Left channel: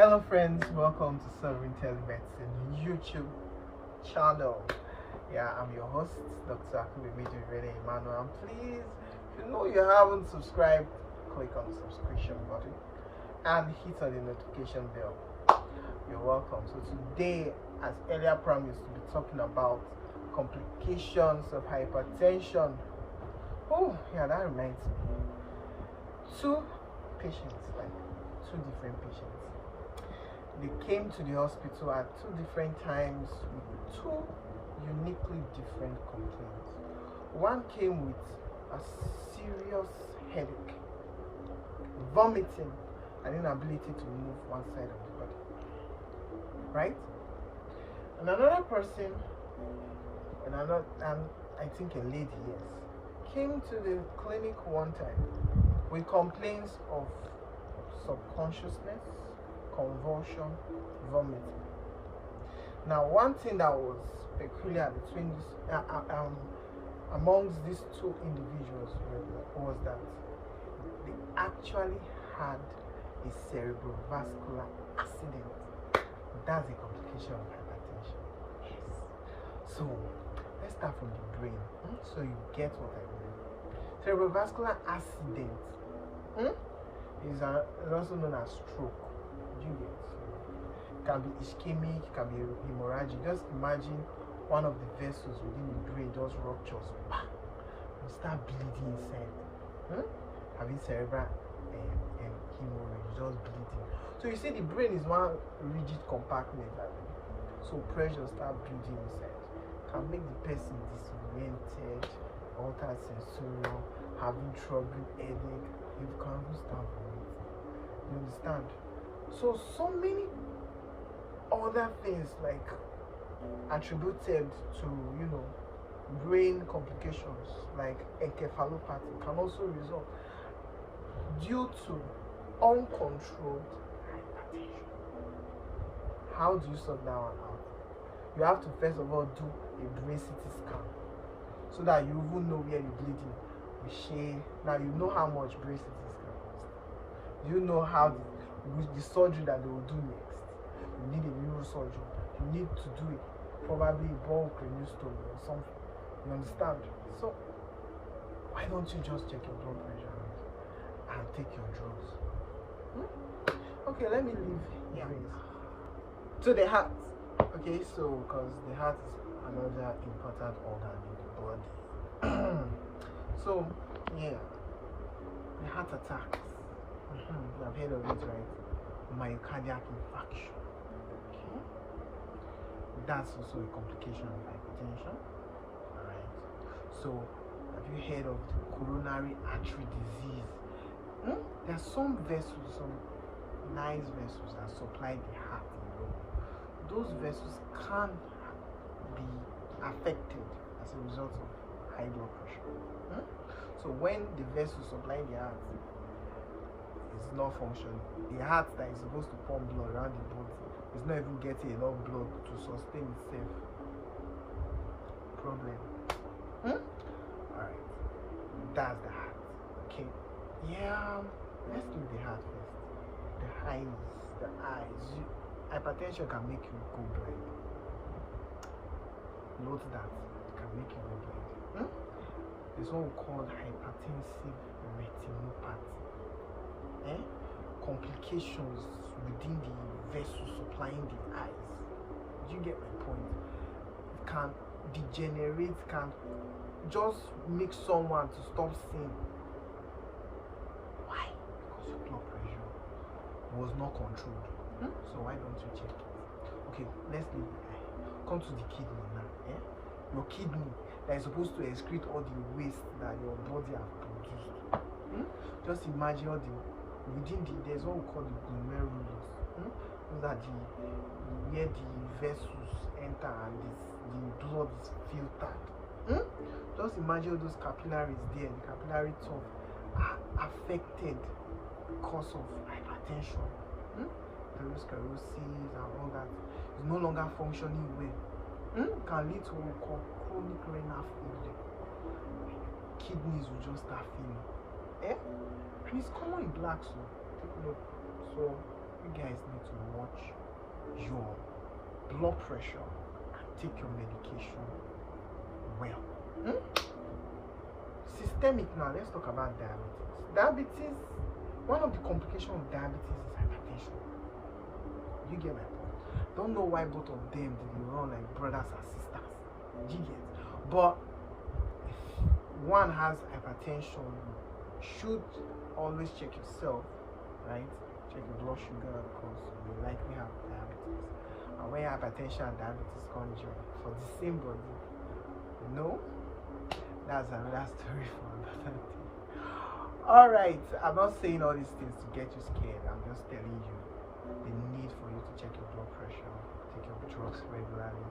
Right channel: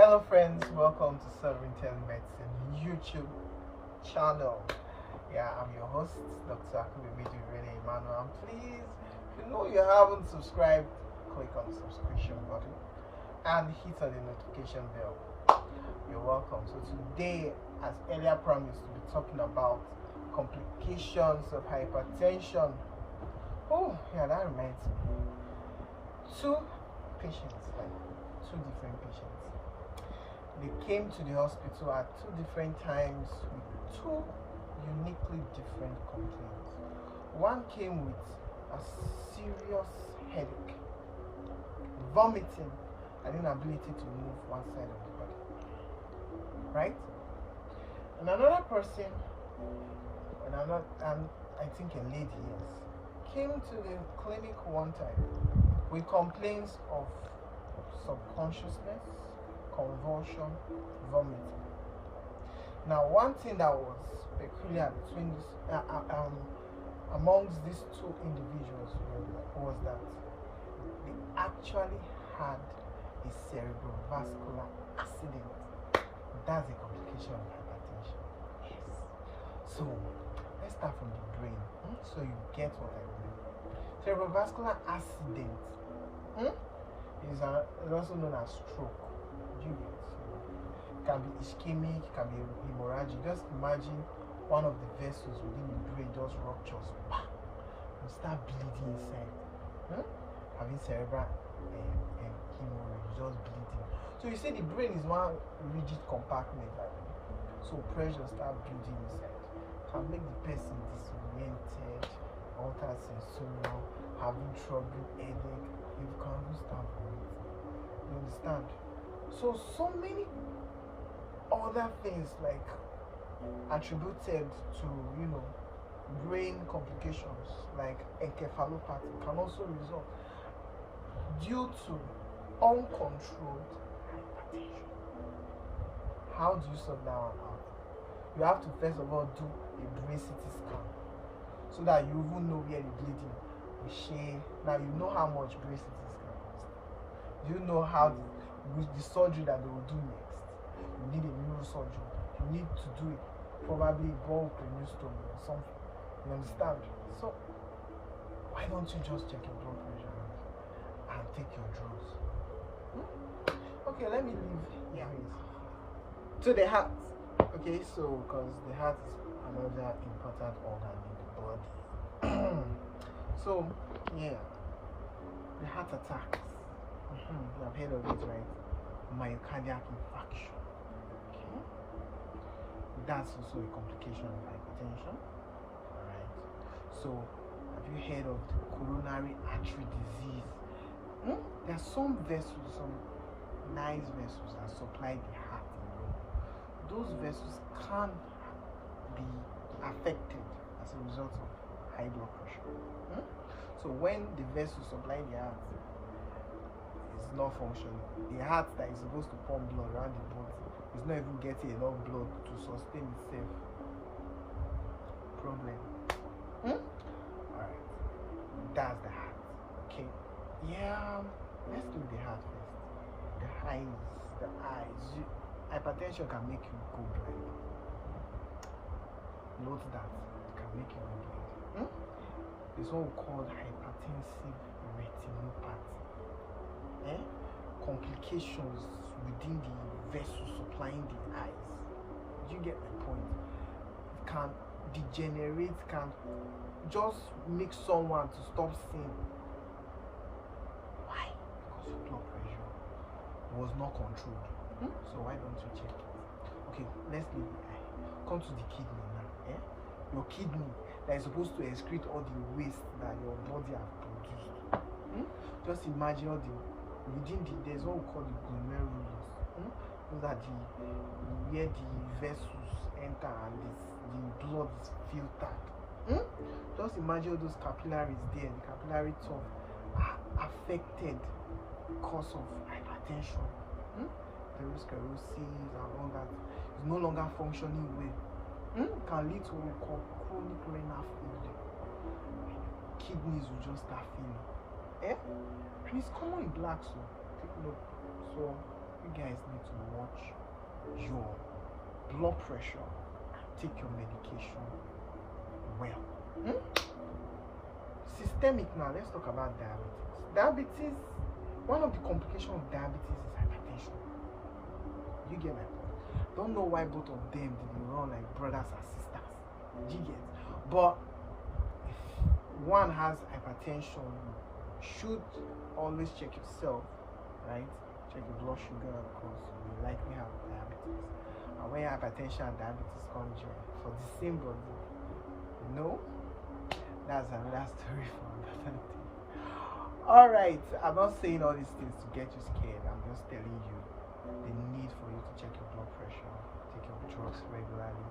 Hello friends, welcome to Sovereign Telemedicine YouTube channel. Yeah, I'm your host, Dr. Emmanuel. And please, if you know you haven't subscribed, click on the subscription button and hit on the notification bell. You're welcome. So today, as earlier promised, we'll be talking about complications of hypertension. Oh, yeah, that reminds me. Two different patients. They came to the hospital at two different times with two uniquely different complaints. One came with a serious headache, vomiting, and inability to move one side of the body. Right? And another person, and I think a lady, yes, came to the clinic one time with complaints of subconsciousness, convulsion, vomiting. Now, one thing that was peculiar between this, amongst these two individuals was that they actually had a cerebrovascular accident. That's a complication of hypertension. Yes. So let's start from the brain, so you get what I mean. Cerebrovascular accident is also known as stroke. You get, so it can be ischemic, it can be hemorrhagic. Just imagine one of the vessels within the brain just ruptures and start bleeding inside. Having cerebral hemorrhage, just bleeding. So you see, the brain is one rigid compartment, so pressure start building inside, can make the person disoriented, alter sensorial, having trouble, headache. You can't start vomiting. You understand? So many other things like attributed to brain complications like encephalopathy can also result due to uncontrolled hypertension. How do you sort that one out? You have to first of all do a brain CT scan so that you even know where you're bleeding. Now you know how much brain CT scan costs. You know how the surgery that they will do next. You need a neurosurgeon. You need to do it, probably bone craniostom or something. You understand? So why don't you just check your blood pressure and take your drugs? Okay, let me leave here to the heart. Okay, so because the heart is another important organ in the body. So yeah, the heart attacks. You have heard of it, right? Myocardial infarction. Okay. That's also a complication of hypertension. Alright. So have you heard of coronary artery disease? There are some vessels, some nice vessels that supply the heart. Those vessels can be affected as a result of high blood pressure. So when the vessels supplying the heart is not functioning, the heart that is supposed to pump blood around the body is not even getting enough blood to sustain itself. Problem. Alright, that's the heart. Okay, yeah, let's do the heart first. The eyes. Hypertension can make you go blind. Note that it can make you go blind. There's what we call hypertensive retinopathy. Complications within the vessel supplying the eyes. Do you get my point? It can degenerate, can just make someone to stop seeing. Why? Because your blood pressure was not controlled. So why don't you check it? Okay, let's leave the eye. Come to the kidney now. Your kidney that is supposed to excrete all the waste that your body has produced. Just imagine all there's what we call the glomerulus. Those are where the vessels enter and the blood is filtered. Just imagine all those capillaries there. The capillary top are affected because of hypertension. Atherosclerosis and all that is no longer functioning well. Can lead to what we call chronic renal failure. Kidneys will just start failing. And it's common in blacks, so take note. So you you guys need to watch your blood pressure and take your medication well. Systemic now, let's talk about diabetes. Diabetes, one of the complications of diabetes is hypertension. You get my point? Don't know why both of them did run like brothers and sisters. You get? But if one has hypertension, you should always check yourself, right? Check your blood sugar because you likely have diabetes. And when hypertension and diabetes conjoin for the same body, you know, that's another story for another day. Alright, I'm not saying all these things to get you scared. I'm just telling you the need for you to check your blood pressure, take your drugs regularly,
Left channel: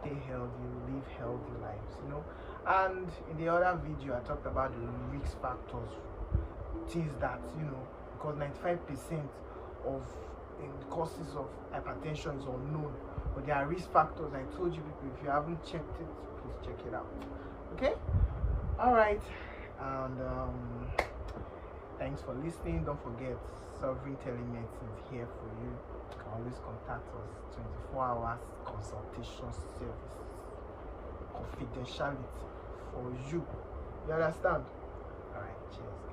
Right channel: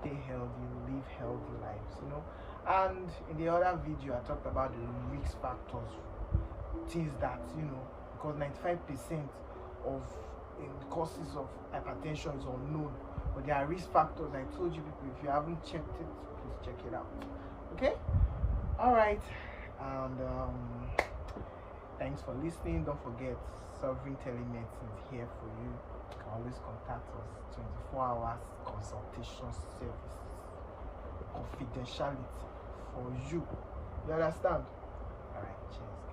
stay healthy, live healthy lives, you know. And in the other video I talked about the risk factors, things that, you know, because 95% of causes of hypertension is unknown, but there are risk factors. I told you people, if you haven't checked it, please check it out. Okay, all right, and thanks for listening. Don't forget, Sovereign Telemedicine is here for you. You can always contact us. 24 hours consultation service, confidentiality for you. You understand? All right, cheers.